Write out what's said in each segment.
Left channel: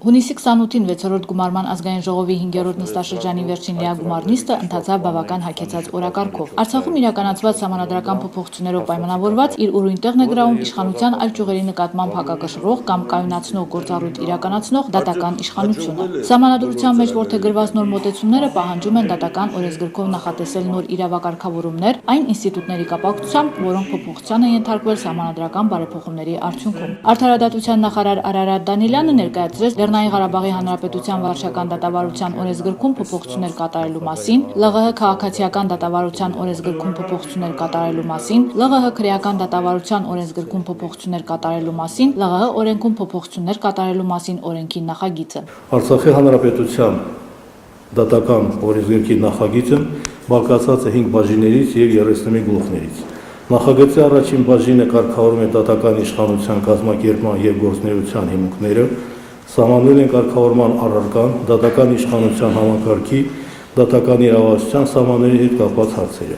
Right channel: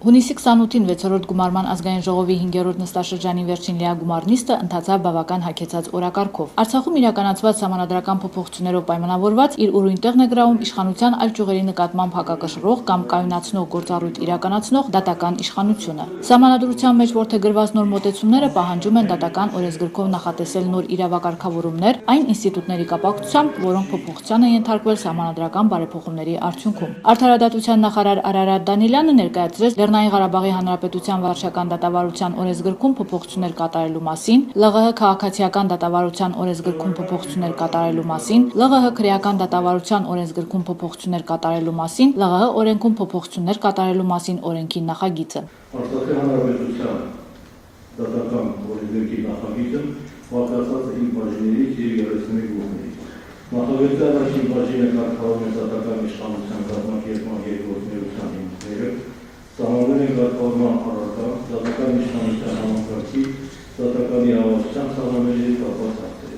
Հունիսի 28-ին 6-րդ գումարման ազգային ժողովի 5-րդ նստաշրջանի վերջին լիագումար նիստը ընթացավ բավական հագեցած օրակարգով։ Արցախում իրականացված սահմանադրական փոփոխություններով պայմանավորված իր ուրույն տեղն է գրավում իշխանության այլ ճյուղերի նկատմամբ հակակշռող կամ կայունացնող գործառույթ իրականացնող դատական իշխանությունը։ Սահմանադրության մեջ որդեգրված նոր մոտեցումները պահանջում են դատական օրենսգրքով նախատեսել նոր իրավակարգավորումներ այն ինստիտուտների կապակցությամբ, որոնք փոփոխության են ենթարկվել սահմանադրական բարեփոխումների արդյունքում։ Արդարադատության նախարար Արարատ Դանիելյանը ներկայացրեց Լեռնային Ղարաբաղի Հանրապետության վարչական դատավարության օրենսգրքում փոփոխություններ կատարելու մասին, ԼՂՀ քաղաքացիական դատավարության օրենսգրքում փոփոխություններ կատարելու մասին, ԼՂՀ քրեական դատավարության օրենսգրքում փոփոխություններ կատարելու մասին, ԼՂՀ օրենքում փոփոխություններ կատարելու մասին օրենքի նախագիծը։ Արցախի Հանրապետության դատական օրենսգրքի նախագիծը բաղկացած է 5 բաժիններից եւ 31 գլուխներից։ Նախագծի առաջին բաժինը կարգավորում է դատական իշխանության կազմակերպման եւ գործունեության հիմունքները, սահմանվել են կարգավորման առարկան, դատական իշխանության համակարգի, դատական իրավասության սահմանների հետ կապված հարցերը։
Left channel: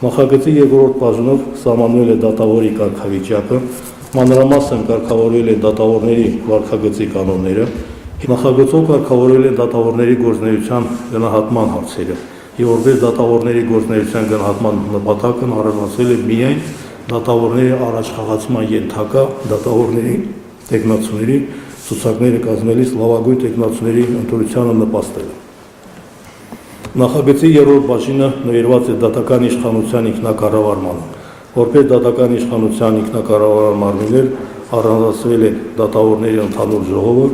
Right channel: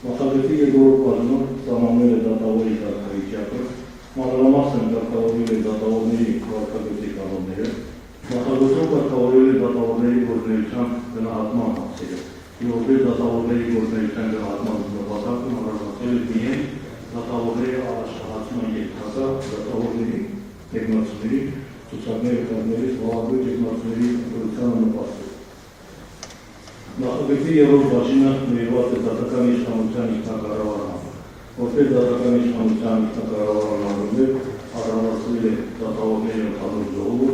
Նախագծի երկրորդ բաժնով սահմանվել է դատավորի կարգավիճակը, մանրամասն կարգավորվել է դատավորների վարքագծի կանոնները, նախագծով կարգավորվել է դատավորների գործունեության գնահատման հարցերը, եւ որպես դատավորների գործունեության գնահատման նպատակն առանձնացվել է միայն դատավորների առաջխաղացման ենթակա դատավորների տեխնացուների ցուցակները կազմելիս լավագույն տեխնացուների ընտրությանը նպաստել։ Նախագծի երրորդ բաժինը նվիրված է դատական իշխանության ինքնակառավարմանը, որպես դատական իշխանության ինքնակառավարման մարմիններ առանձնացվել է դատավորների ընդհանուր ժողովը,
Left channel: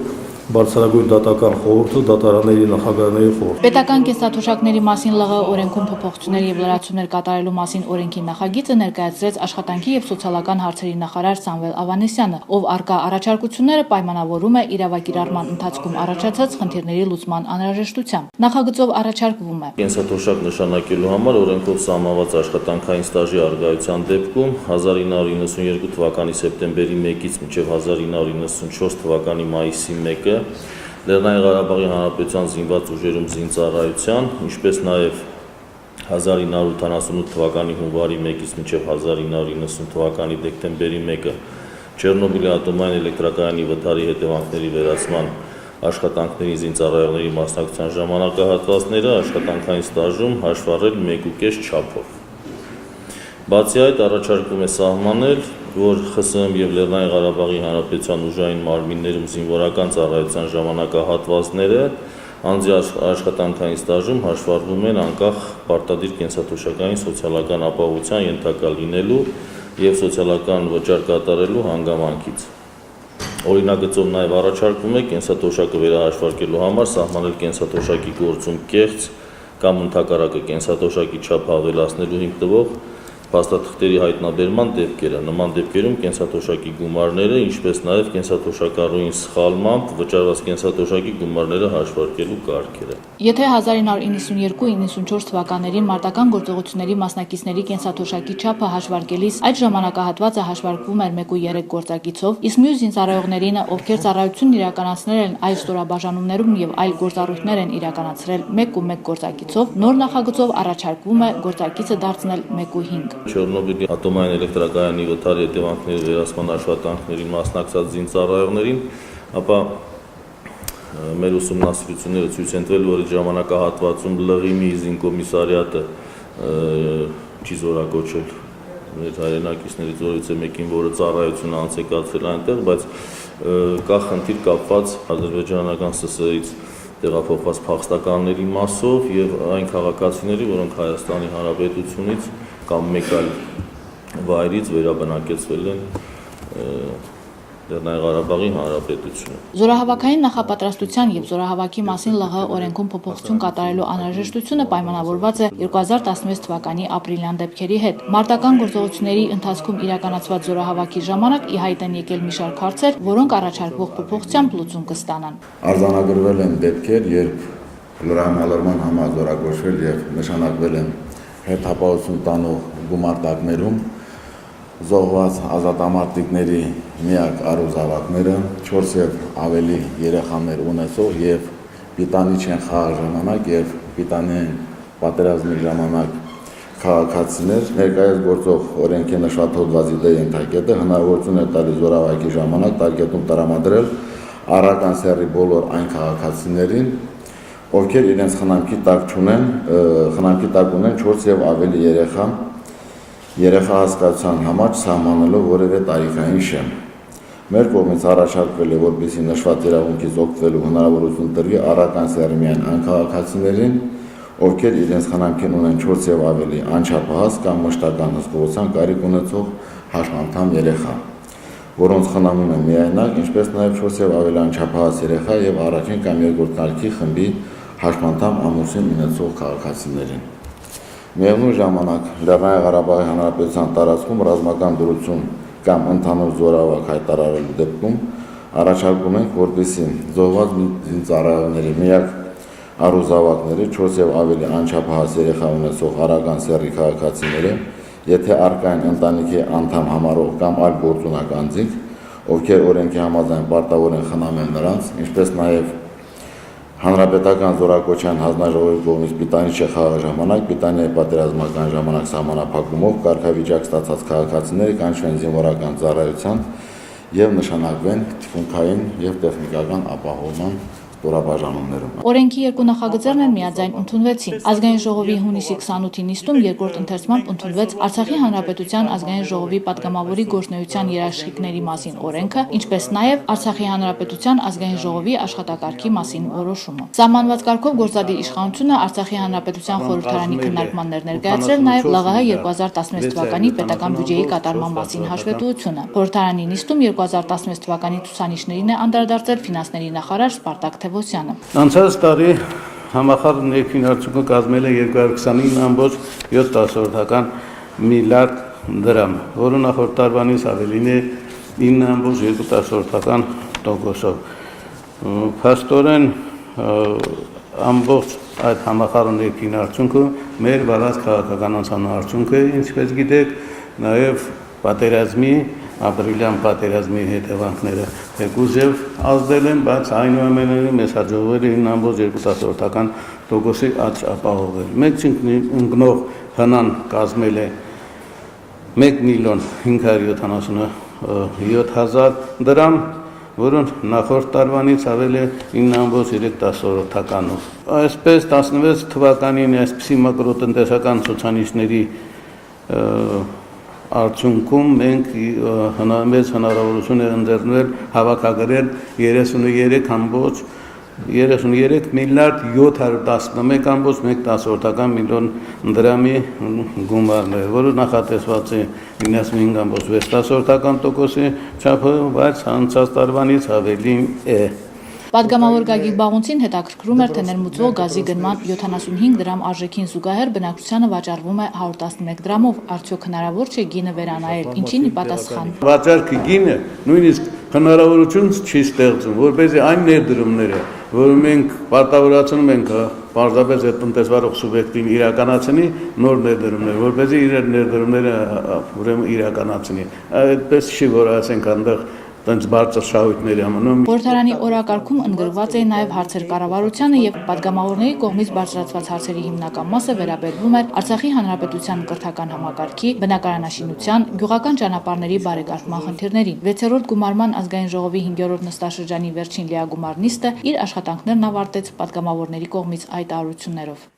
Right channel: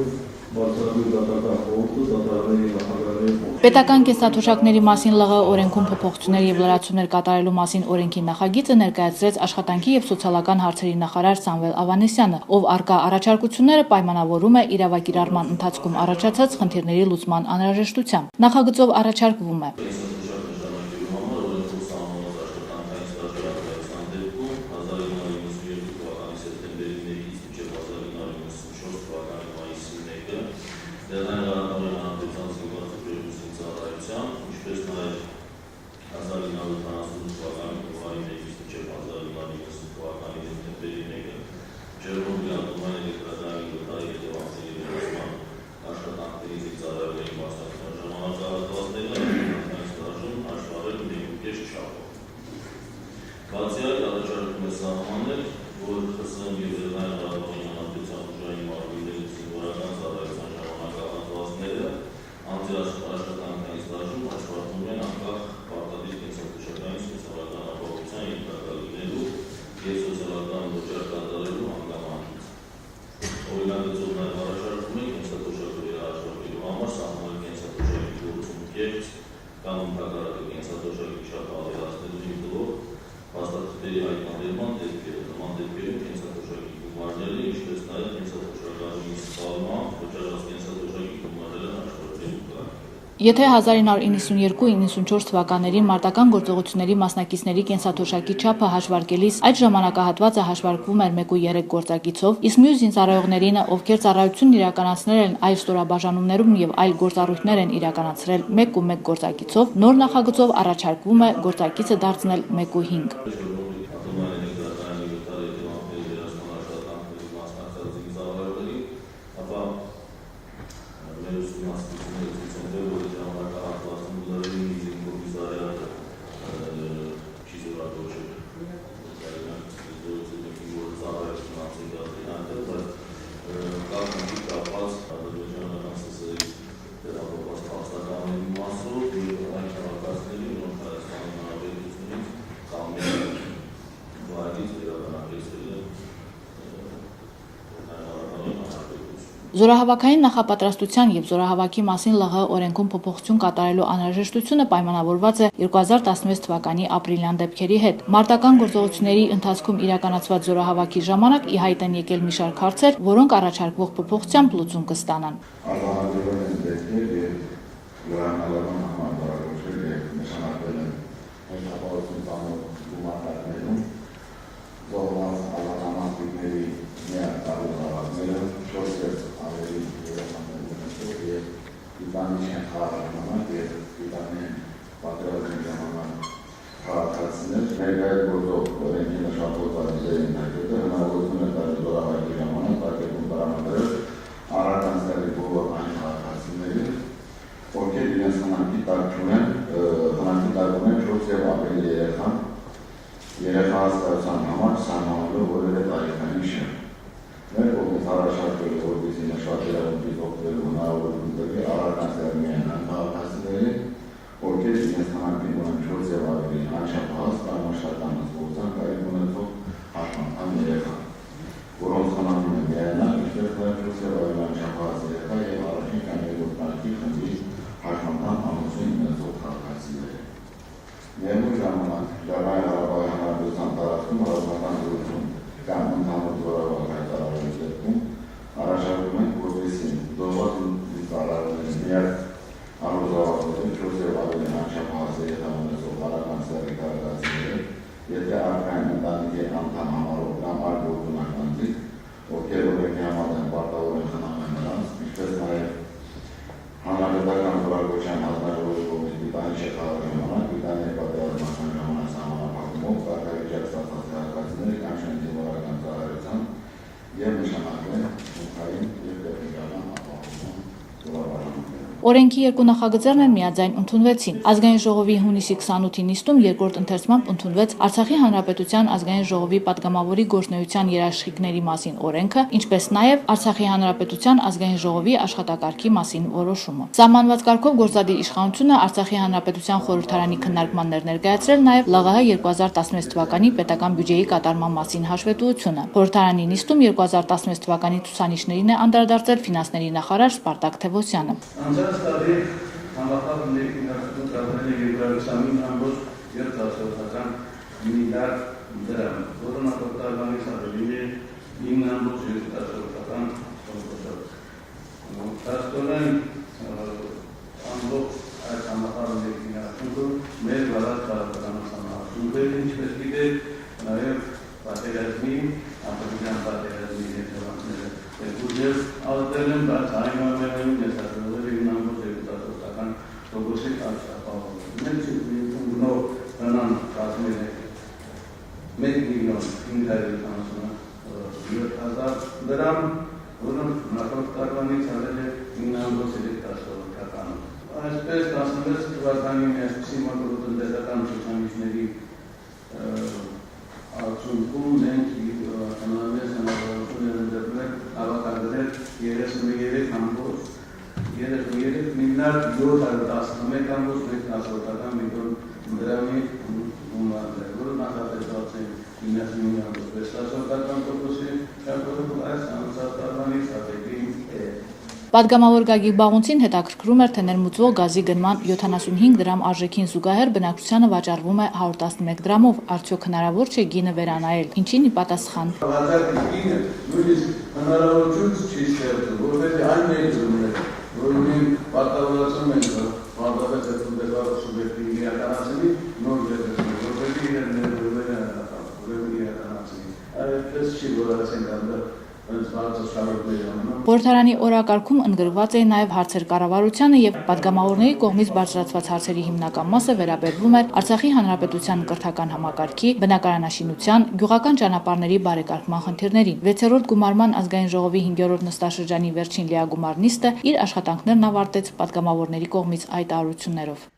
Բարձրագույն դատական խորհուրդը, դատարանների նախագահների խորհուրդը։ Պետական կենսաթոշակների մասին ԼՂ օրենքում փոփոխություններ եւ լրացումներ կատարելու մասին օրենքի նախագիծը ներկայացրեց Աշխատանքի եւ սոցիալական հարցերի նախարար Սամվել Ավանեսյանը, ով արկա առաջարկությունները պայմանավորում է իրավակիրառման ընթացքում առաջացած խնդիրների լուծման անհրաժեշտությամբ։ Նախագծով առաջարկվում է կենսաթոշակ նշանակելու համար օրենքով սահմանված աշխատանքային ստաժի առկայության դեպքում 1992 թվականի սեպտեմբերի 1-ից մինչև 1994 թվականի մայիսի 1-ը Լեռնային Ղարաբաղի Հանրապետության զինված ուժերում զինծառայության, ինչպես նաև 1978 թվականի հունվարի 1-ից մինչև 1990 թվականի դեկտեմբերի 1-ը Չեռնոբիլի ատոմային էլեկտրակայանի վթարի հետևանքների վերացման աշխատանքների զինծառայողների մասնակցության ժամանակահատվածները աշխատանքային ստաժում հաշվառել 1.5 չափով։ Բացի այդ, առաջարկում է սահմանել, որ ԽՍՀՄ եւ Լեռնային Ղարաբաղի Հանրապետության ուժային մարմիններում զինվորական ծառայության ժամանակահատվածները անձի աշխատանքային ստաժում հաշվառվում են անկախ պարտադիր կենսաթոշակային սոցիալական ապահովության ենթակա լինելու եւ սոցիալական վճար կատարելու հանգամանքից։ Օրինագծով նաև առաջարկվում է կենսաթոշակը վերահաշվարկելու համար սահմանել կենսաթոշակի գործում կեղծ կամ ընդհակառակը կենսաթոշակի չափ ավելացնելու հիմք տվող փաստաթղթերի հայտնաբերման դեպքերը։ Նման դեպքերում կենսաթոշակի գումարները, ինչպես նաև կենսաթոշակառուին սխալմամբ վճարված կենսաթոշակի գումարները հաշվարկելու կարգերը։ Եթե 1992-94 թվականներին մարտական գործողությունների մասնակիցների կենսաթոշակի չափը հաշվարկելիս այդ ժամանակահատվածը հաշվարկվում էր 1.3 գործակիցով, իսկ մյուս զինծառայողներին, ովքեր ծառայությունն իրականացնել են այլ ստորաբաժանումներում եւ այլ գործառույթներ են իրականացրել 1.1 գործակիցով, նոր նախագծով առաջարկվում է գործակիցը դարձնել 1.5։ Չեռնոբիլի ատոմային էլեկտրակայանի վթարի հետևանքների վերացման աշխատանքների մասնակցած զինծառայողներին, ապա մեր ուսումնասիրությունները ցույց են տվել, որ ժամանակահատվածում ԼՂԻՄ-ի զինկոմիսարիատը չի զորակոչել մեր հայրենակիցներից որից է մեկին, որը ծառայությունը անցեկացրել այնտեղ, բայց կա խնդիր կապված ադրբեջանական ՍՍՍ-ից տեղափոխված փախստականների մասով եւ այն քաղաքացիների, որոնք Հայաստանի Հանրապետությունից կամ մեկ այլ վայրից վերաբնակեցվել են Լեռնային Ղարաբաղի Հանրապետությունում։ Զորահավաքային նախապատրաստության եւ զորահավաքի մասին ԼՂՀ օրենքում փոփոխություն կատարելու անհրաժեշտությունը պայմանավորված է 2016 թվականի ապրիլյան դեպքերի հետ։ Մարտական գործողությունների ընթացքում իրականացված զորահավաքի ժամանակ ի հայտ են եկել մի շարք հարցեր, որոնք առաջարկվող փոփոխությամբ լուծում կստանան։ Արձանագրվել են դեպքեր, երբ լրահամալրման համար զորակոչվել եւ նշանակվել են հետապահություն տանող գումարտակներում զոհված ազատամարտիկների միակ առուզավակները 4 եւ ավելի երեխաներ ունեցող եւ պիտանի չեն խաղ ժամանակ եւ պիտանի պատերազմի ժամանակ քաղաքացիներ ներկայիս գործող օրենքի նշված հոդվածի դե ենթակետը հնարավորություն է տալիս զորավարքի ժամանակ տարկետում տրամադրել Արարական սեռի բոլոր այն քաղաքացիներին, ովքեր իրենց խնամքի տակ ունեն 4 եւ ավելի երեխա հասկացության համար սահմանելով որևէ տարիքային շեմ։ Մեր կողմից առաջարկվել է, որպեսզի նշված իրավունքից օգտվելու հնարավորություն տրվի արարական սեռի միայն այն քաղաքացիներին, ովքեր իրենց խնամքին ունեն 4 եւ ավելի անչափահաս կամ մշտական հսկողության կարիք ունեցող հաշմանդամ երեխա, որոնց խնամում են միայնակ, ինչպես նաև 4 եւ ավելի անչափահաս երեխա եւ առաջին կամ երկրորդ կարգի խմբի հաշմանդամ ամուսին ունեցող քաղաքացիներին։ Միևնույն ժամանակ Լեռնային Ղարաբաղի Հանրապետության տարածքում ռազմական դրություն կամ ընդհանուր զորավարք հայտարարելու դեպքում առաջարկում ենք, որպեսզի զոհված ծառայողների միակ առուզավակների 4 եւ ավելի անչափահաս երեխա ունեցող արարական սեռի քաղաքացիները, եթե առկա են ընտանիքի անդամ համարող կամ այլ գործունակ անձինք, ովքեր օրենքի համաձայն պարտավոր են խնամել նրանց, ինչպես նաև հանրապետական զորակոչյան հանձնաժողովի կողմից պիտանի չխաղի ժամանակ, պիտանի պատերազմական ժամանակ սահմանափակումով կարգավիճակ ստացած քաղաքացիները կանչվեն զինվորական ծառայության եւ նշանակվեն թիկունքային եւ տեխնիկական ապահովման ստորաբաժանումներում։ Օրենքի երկու նախագծերն են միաձայն ընդունվեցին։ Ազգային ժողովի հունիսի 28-ի նիստում երկրորդ ընթերցմամբ ընդունվեց Արցախի Հանրապետության ազգային ժողովի պատգամավորի գործունեության երաշխիքների մասին օրենքը, ինչպես նաև Արցախի Հանրապետության ազգային ժողովի աշխատակարգի մասին որոշումը։ Սահմանված կարգով գործադիր իշխանությունը Արցախի Հանրապետության խորհրդարանի քննարկմաններ ներկայացրել նաև ԼՂՀ 2016 թվականի պետական բյուջեի կատարման մասին հաշվետվությունը։ Խորհրդարանի նիստում 2016 թվականի ցուցանիշներին է անդրադարձել ֆինանսների նախարար Սպարտակ Թևոսյանը։ Անցած տարի համախառն ներքին արդյունքը կազմել է 220.7 միլիարդ դրամ, որը նախորդ տարվանից ավելին է 9.2%-ով։ Փաստորեն ամբողջ այդ համախառն ներքին արդյունքը մեր վարած քաղաքականության արդյունքը է, ինչպես գիտեք, նաև պատերազմի, ապրիլյան պատերազմի հետևանքները երկուզև ազդել են, բայց այնուամենայնիվ մեզ հաջողվել է 9.2%-ի աճ ապահովել։ Մեկ ընկնող հնան կազմել է 1.577.000 դրամ, որը նախորդ տարվանից ավել է 9.3%-ով։ Այսպես 16 թվականին այսպիսի մակրոտնտեսական ցուցանիշների արդյունքում մենք մեծ հնարավորություն է ընձեռնել հավաքագրել 33 միլիարդ 711.1 միլիոն դրամի գումարներ, որը նախատեսված է 95.6%-ի չափով, բայց անցած տարվանից ավելի է։ Պատգամավոր Գագիկ Բաղունցին հետաքրքրում էր, թե ներմուծվող գազի գնման 75 դրամ արժեքին զուգահեռ բնակչությանը վաճառվում է 111 դրամով, արդյոք հնարավոր չէ գինը վերանայել, ինչին ի պատասխան։ Վաճառքի գինը նույնիսկ հնարավորություն չի ստեղծում, որպեսզի այն ներդրումները, որ մենք պարտավորացնում ենք պարզապես այդ տնտեսվարող սուբյեկտին իրականացնի նոր ներդրումներ, որպեսզի իր ներդրումները ուրեմն իրականացնի։ Այդպես չի, որ ասենք այնտեղ տենց բարձր շահույթների ամնում։ Խորհրդարանի օրակարգում ընդգրկված էին նաև հարցեր կառավարությանը եւ պատգամավորների կողմից բարձրացված հարցերի հիմնական մասը վերաբերվում էր Արցախի Հանրապետության կրթական համակարգի, բնակարանաշինության, գյուղական ճանապարհների բարեկարգման խնդիրներին։ 6-րդ գումարման ազգային ժողովի 5-րդ նստաշրջանի վերջին լիագումար նիստը իր աշխատանքներն ավարտեց պատգամավորների կողմից հայտարարություններով։